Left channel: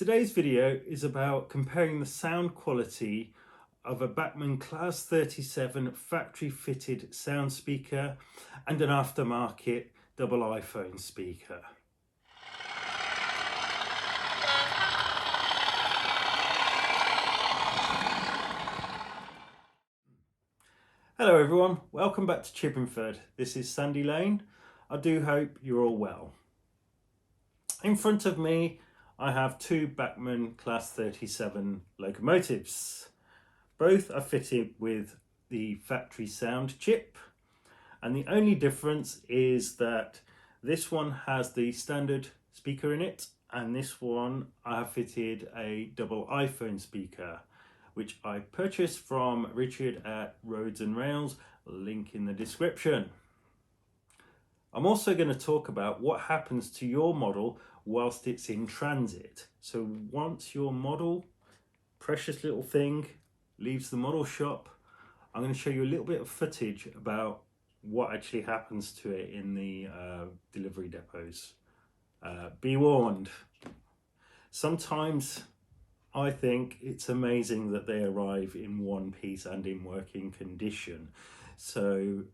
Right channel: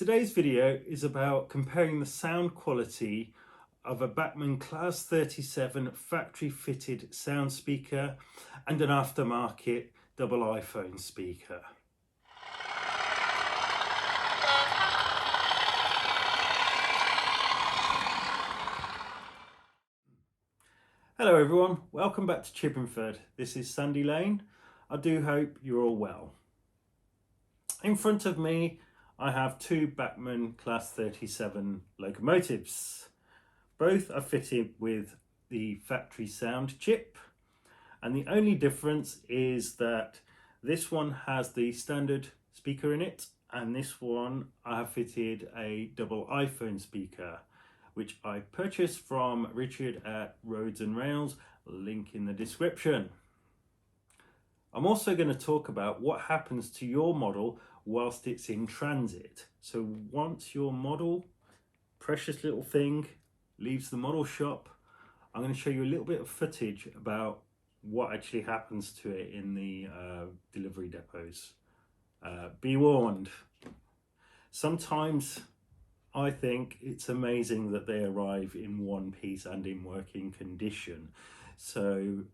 Today's video is about comparing the sound quality of a Bachmann Class 37 factory fitted sound speaker and an aftermarket double iPhone speaker. Hello everyone, welcome back to Chippingford. This is Sandy Lane. I do hope you're all well. In front of me I have two Bachmann Class 37 locomotives. Both are fitted with the factory sound chip, and the only difference is that this one has the standard speaker in it, and this one I have fitted a double iPhone speaker, which I purchased from Richard at Roads and Rails, link in the description. I'm also going to talk about what happens to your model whilst it's in transit. So once your model, precious little thing, leaves the model shop, I'm going to show you a little bit of footage about what actually happens to it in the delivery depots. Be warned. Sometimes I think it's amazing that they arrive in one piece and in working condition. So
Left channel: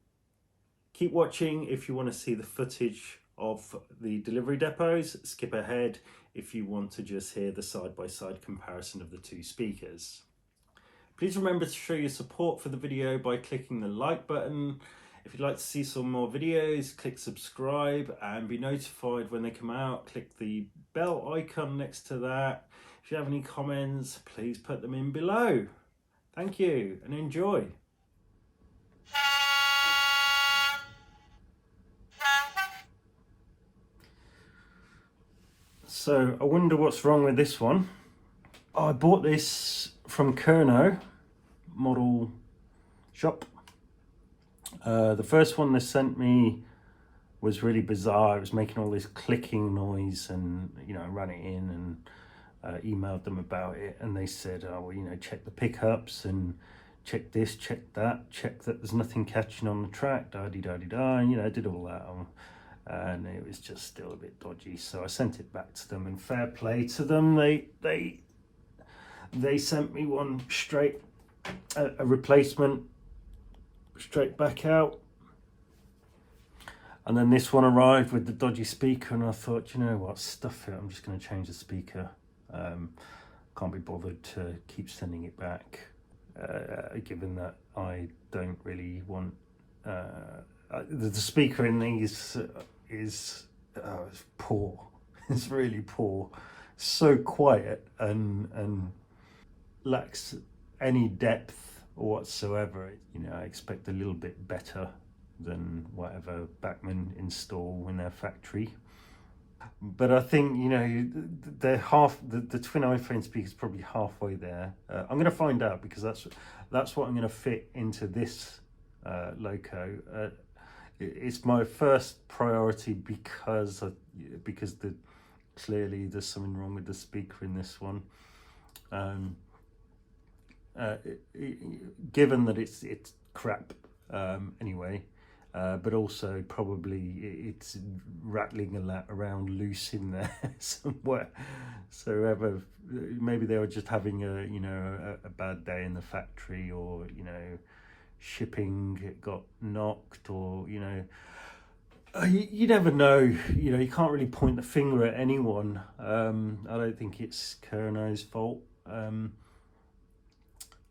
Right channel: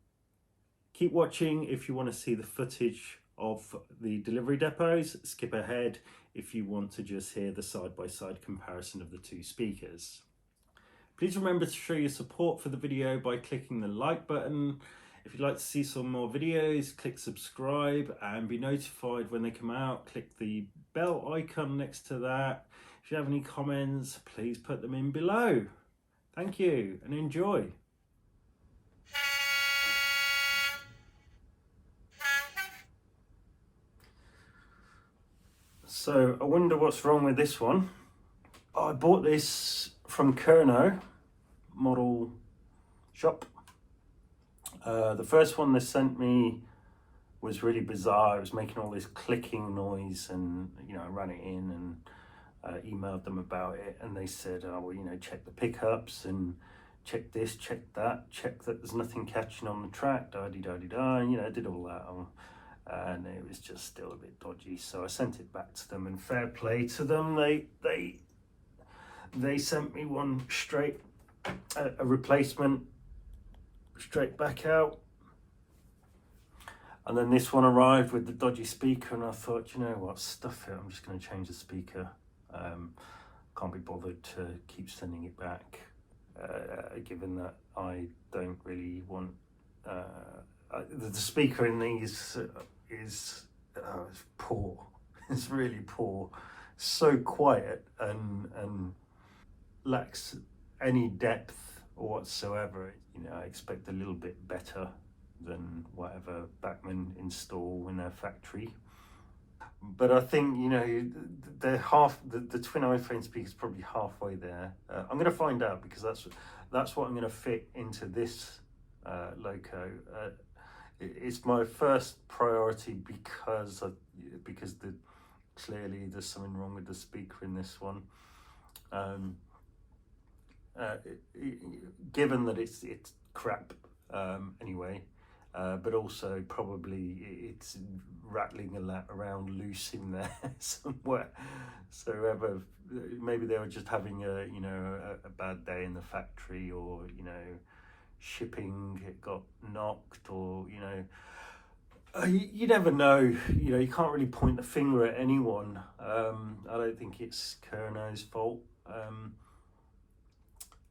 keep watching if you want to see the footage of the delivery depots. Skip ahead if you want to just hear the side-by-side comparison of the two speakers. Please remember to show your support for the video by clicking the like button. If you'd like to see some more videos, click subscribe and be notified when they come out. Click the bell icon next to that. If you have any comments, please put them in below. Thank you and enjoy. So I wonder what's wrong with this one. I bought this from Kerno model shop. The first one they sent me was really bizarre. It was making all this clicking noise, and I ran it in and emailed them about it, and they said, oh well, check the pickups and check this, check that, check that there's nothing catching on the track, da-di-da-di-da, and I did all that on. And it was just still a bit dodgy, so I sent it back to them, and fair play to them, they sent me one straight, a replacement, straight back out. And then this one arrived with the dodgy speaker, and I thought, you know what, stuff it, I'm just going to change the speaker. Can't be bothered to keep sending it back, given that I don't really want the speaker in these is poor. It's really poor, so quiet and lacks any depth whatsoever. I expect a little bit better than whatever Bachmann install in their factory. But I think the twin iPhone speaker is probably halfway there. I'm going to find out, because that's what I'm going to fit into this loco. It's my first priority because clearly there's something wrong with the speaker in this one. Given that it's crap anyway, but also probably it's rattling around loose in there somewhere. So maybe they were just having a bad day in the factory, or shipping got knocked, or you never know. You can't really point the finger at anyone. I don't think it's Kerno's fault.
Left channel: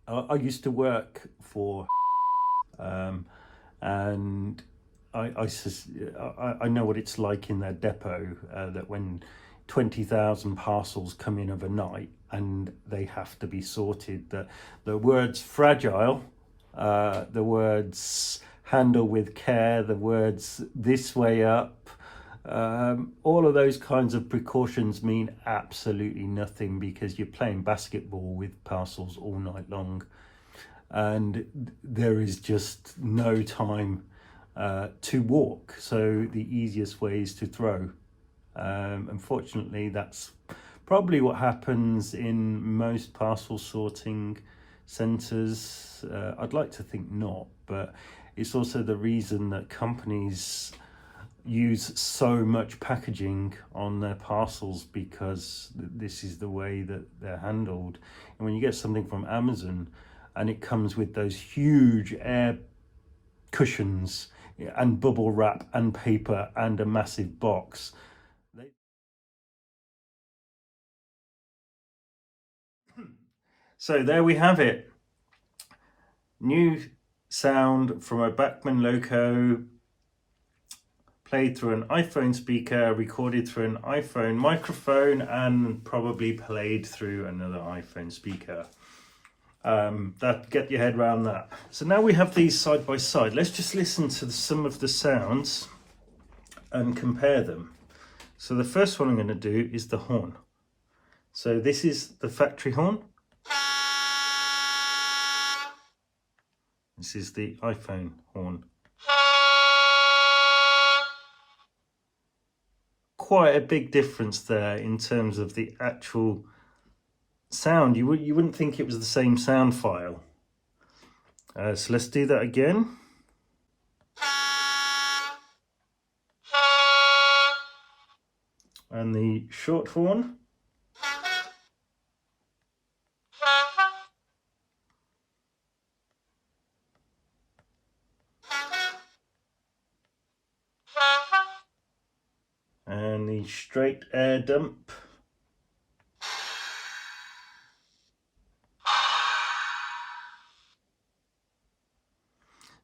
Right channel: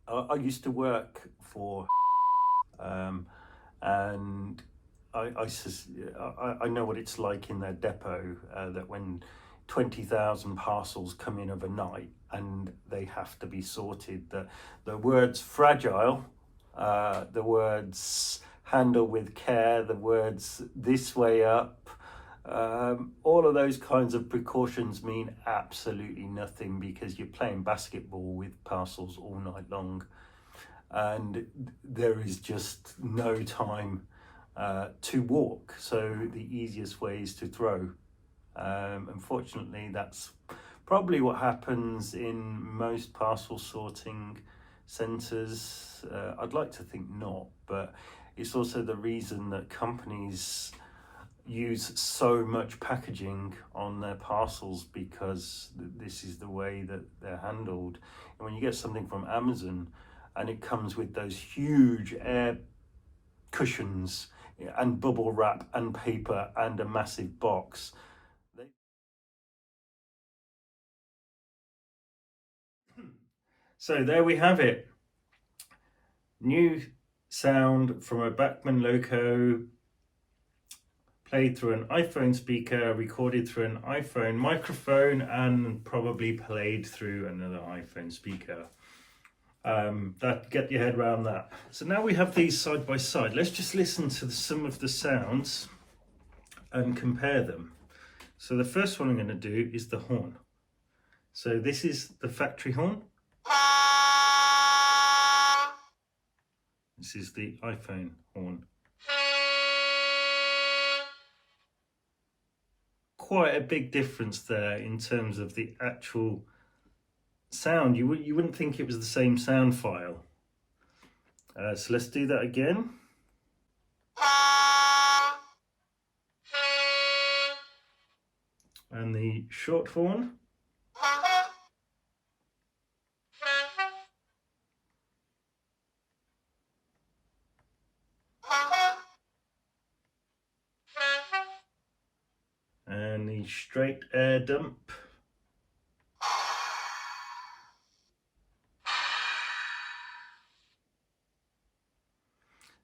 I used to work for and I know what it's like in their depot, that when 20,000 parcels come in overnight and they have to be sorted, the words fragile, the words handle with care, the words this way up, all of those kinds of precautions mean absolutely nothing, because you're playing basketball with parcels all night long, and there is just no time to walk. So the easiest way is to throw. Unfortunately, that's probably what happens in most parcel sorting centres. I'd like to think not, but it's also the reason that companies use so much packaging on their parcels because this is the way that they're handled. And when you get something from Amazon and it comes with those huge air cushions and bubble wrap and paper and a massive box. So there we have it. New sound from a Bachmann Loco, played through an iPhone speaker, recorded through an iPhone microphone, and probably played through another iPhone speaker. That, get your head around that. So now we have these side by side. Let's just listen to some of the sounds and compare them. So the first one I'm going to do is the horn. So this is the factory horn. This is the iPhone horn. Quite a big difference there in terms of the actual sound. You wouldn't think it was the same sound file. So let's do that again. And the short horn. And the straight air dump.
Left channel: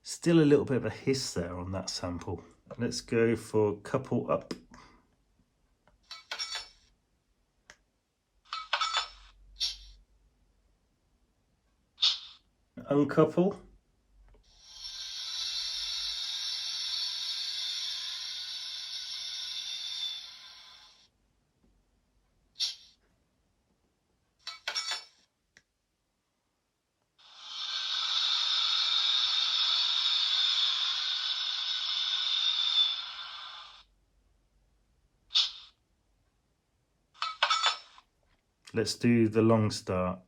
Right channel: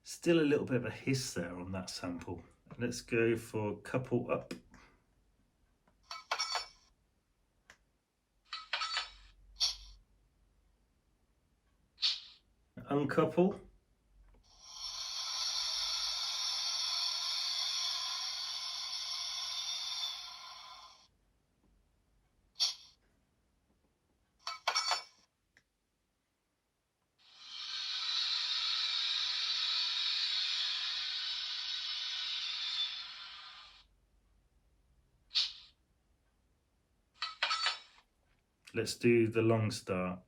Still a little bit of a hiss there on that sample. Let's go for couple up. Uncouple. Let's do the long start.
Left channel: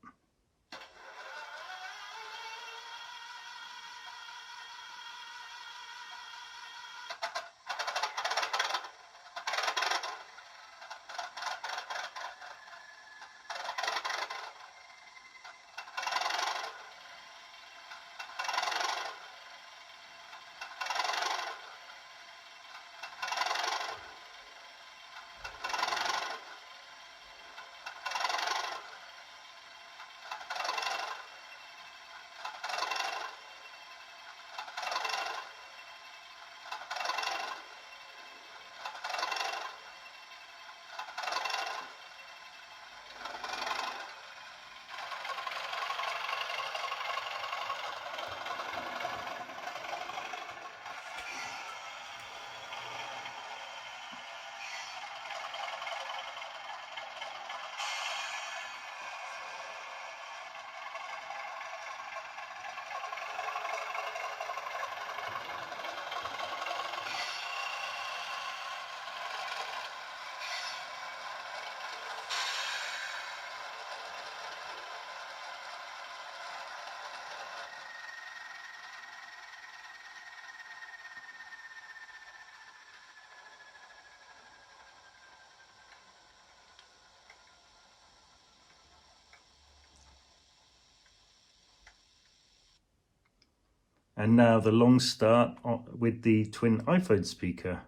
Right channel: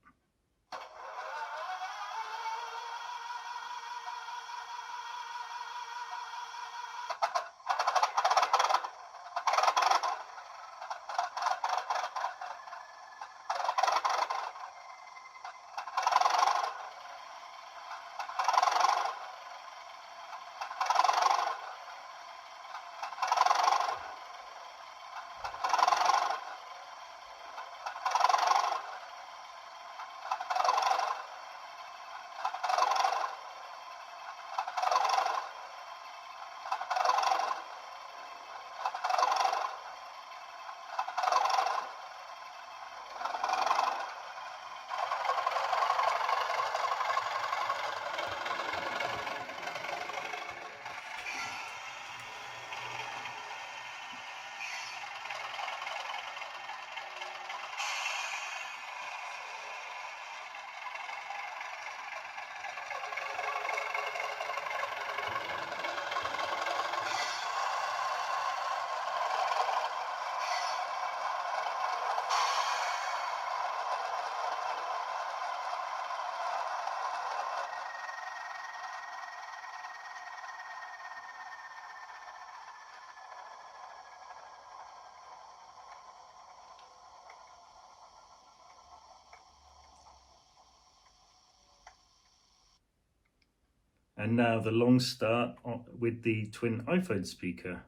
And now the long start with the twin iPhone speaker.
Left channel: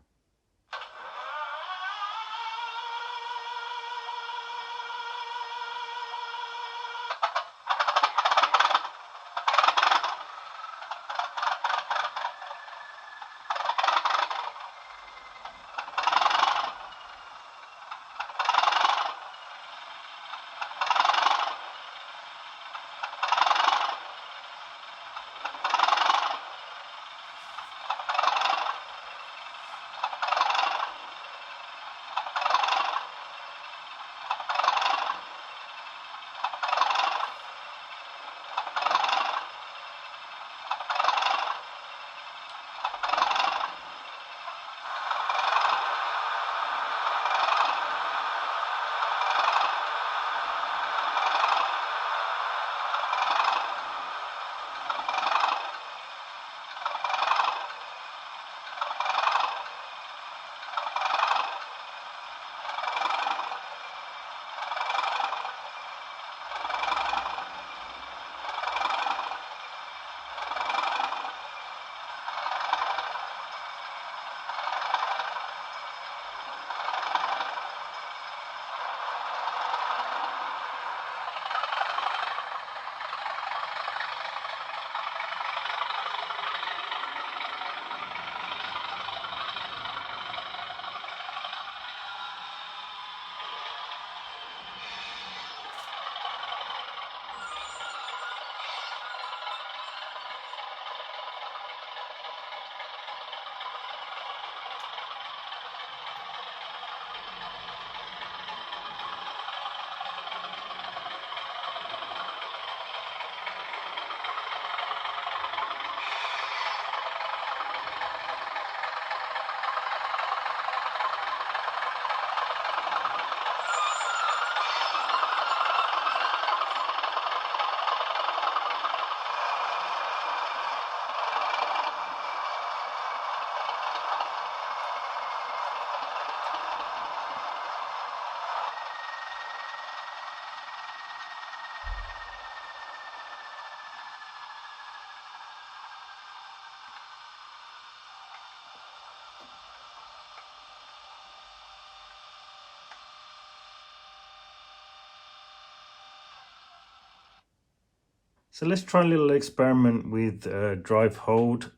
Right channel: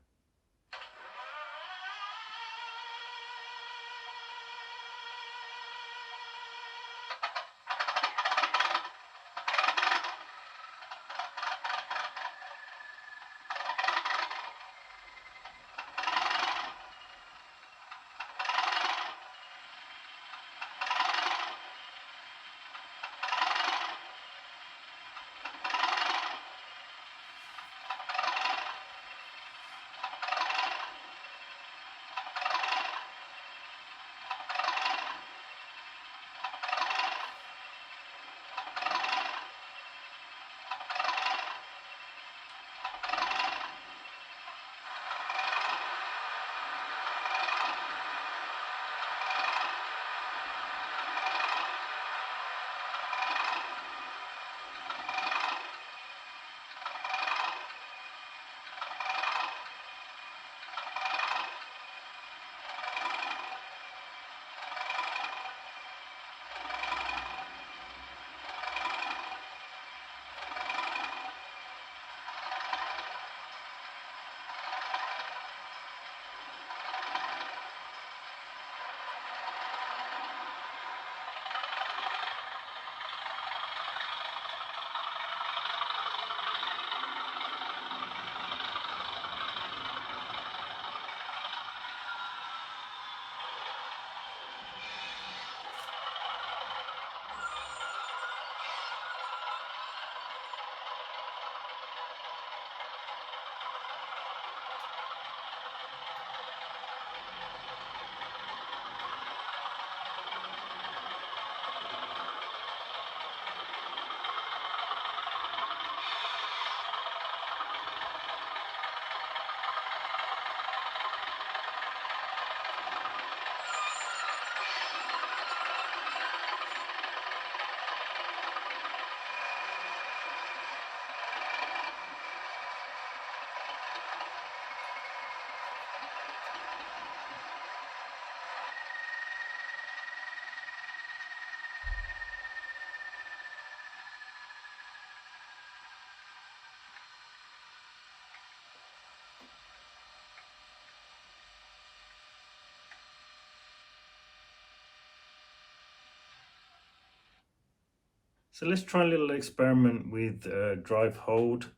So let's try a little experiment with drive hold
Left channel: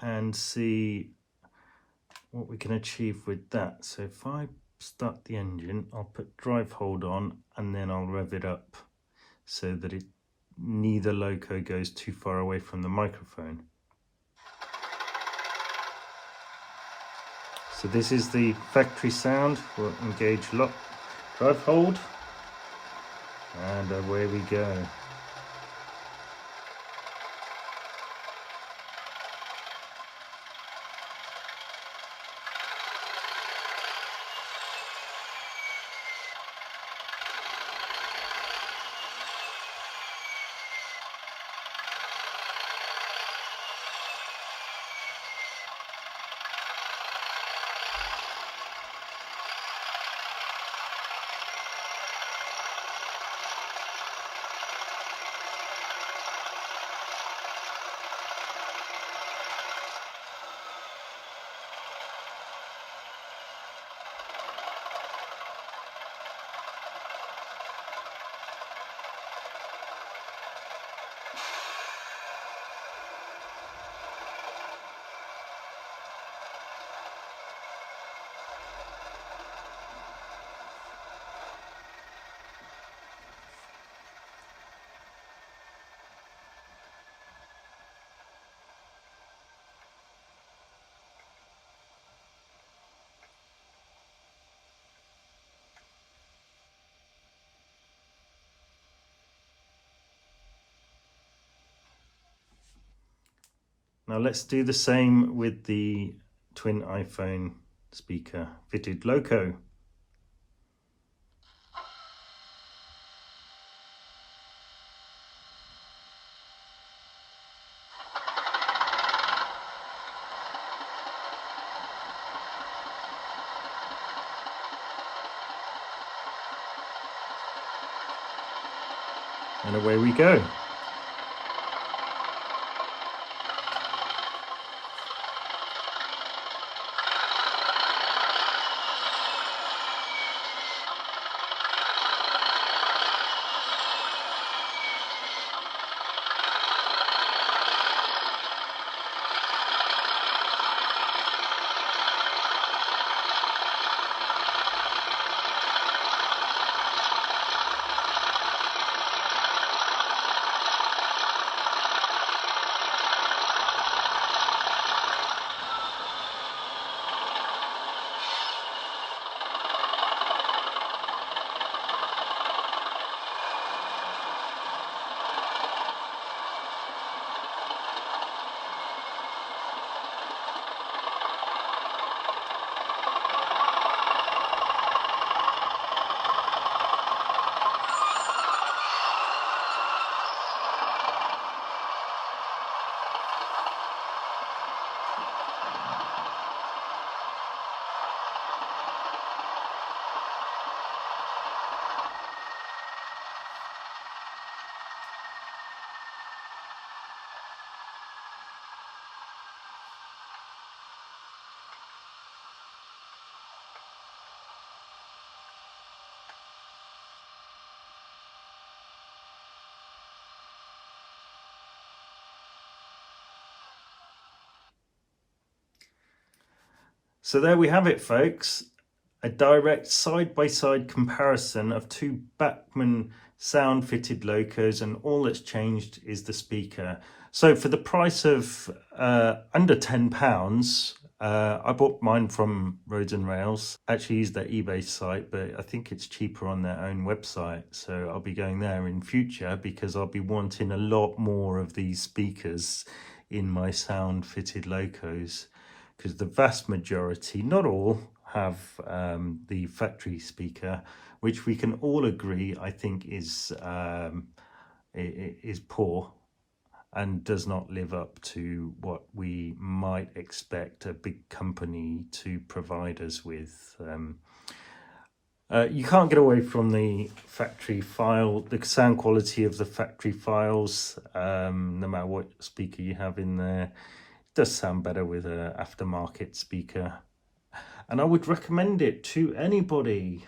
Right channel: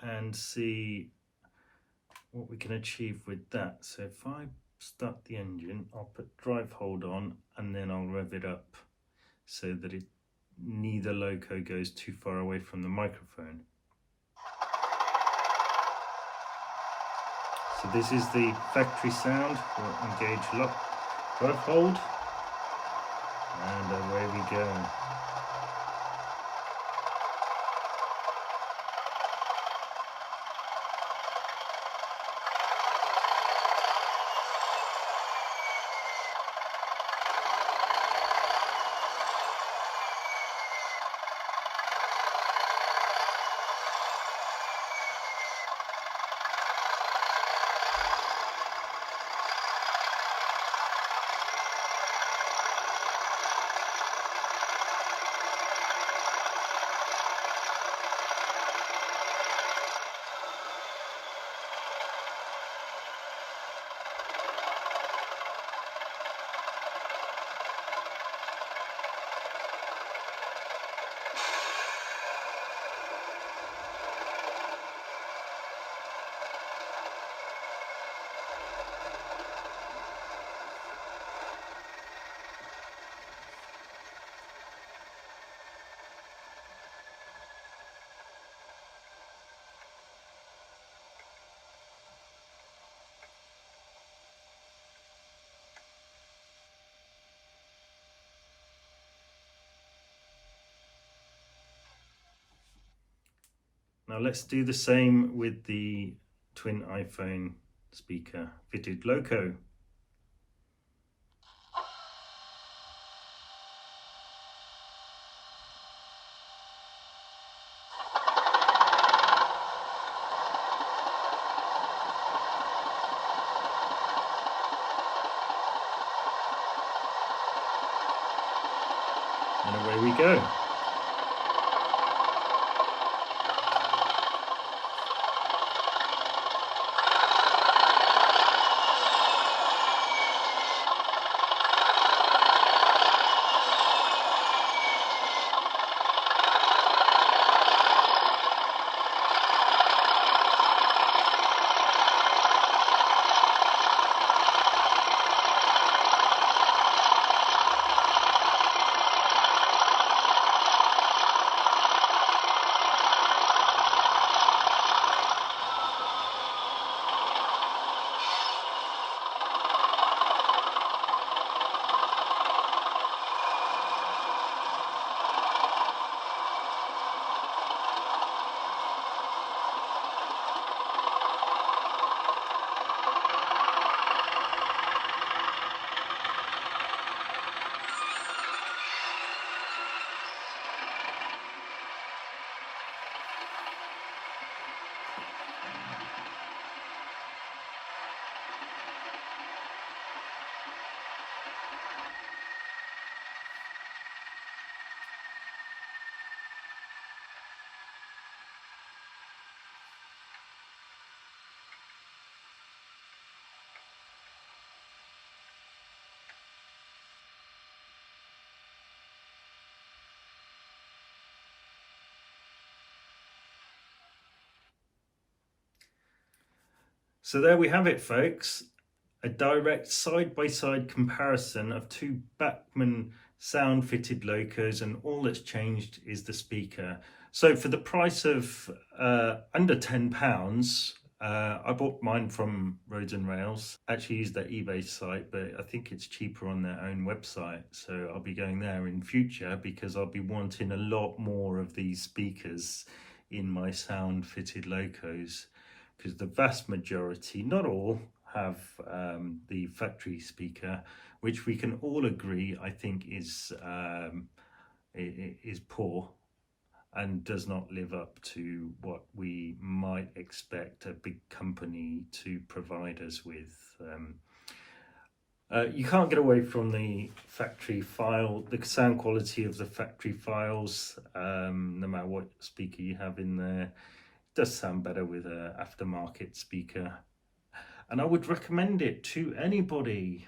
and see what we can achieve with that. So if I start the engine, I'll put drive hold on and then I'll rev it up so that neither loco goes too far away from the microphone. So this is the factory sound. We'll engage lock, drive hold, and away we go. Now let's do the same with the twin iPhone speaker fitted loco. And away we go. So there we have it, folks. A direct side-by-side comparison of two Bachmann sound fitted locos, and all that's changed is the speaker. So for the price of under £10, I bought mine from Roads and Rails. Actually used their eBay site, but I think it's cheaper on their own website. So I'll be going there in future because I'll be wanting a lot more of these speakers in my sound fitted locos, because the vast majority, not all, have the factory speaker, which we can all agree I think is poor and does not live up to what we might expect a big company to provide us with. You can't get away from the factory file, the sound quality of the factory files, no matter what speaker you have in there. It does sound better with an aftermarket speaker, and I would recommend it to anybody.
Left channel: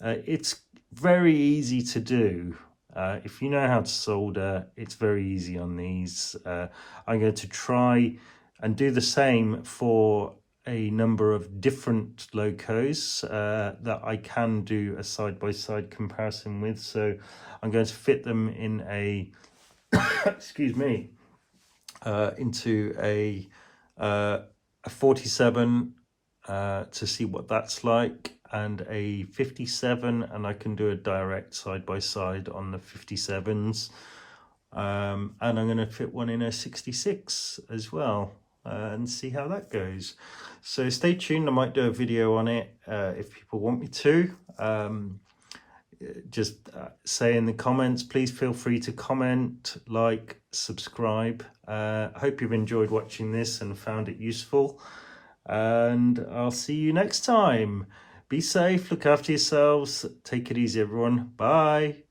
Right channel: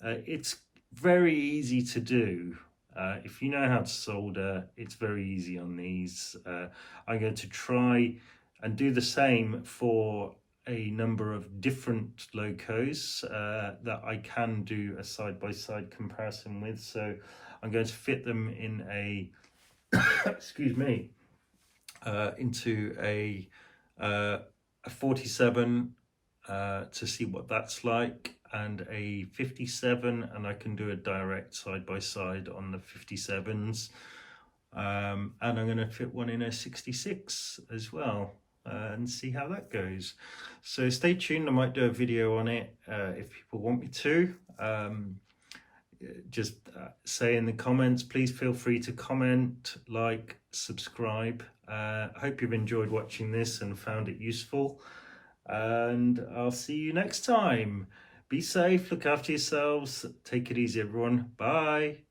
It's very easy to do. If you know how to solder, it's very easy on these. I'm going to try and do the same for a number of different locos that I can do a side-by-side comparison with. So I'm going to fit them in a excuse me, into a 47 to see what that's like, and a 57, and I can do a direct side by side on the 57s. And I'm going to fit one in a 66 as well, and see how that goes. So stay tuned, I might do a video on it if people want me to. Just say in the comments. Please feel free to comment, like, subscribe. I hope you've enjoyed watching this and found it useful, and I'll see you next time. Be safe, look after yourselves, take it easy everyone, bye.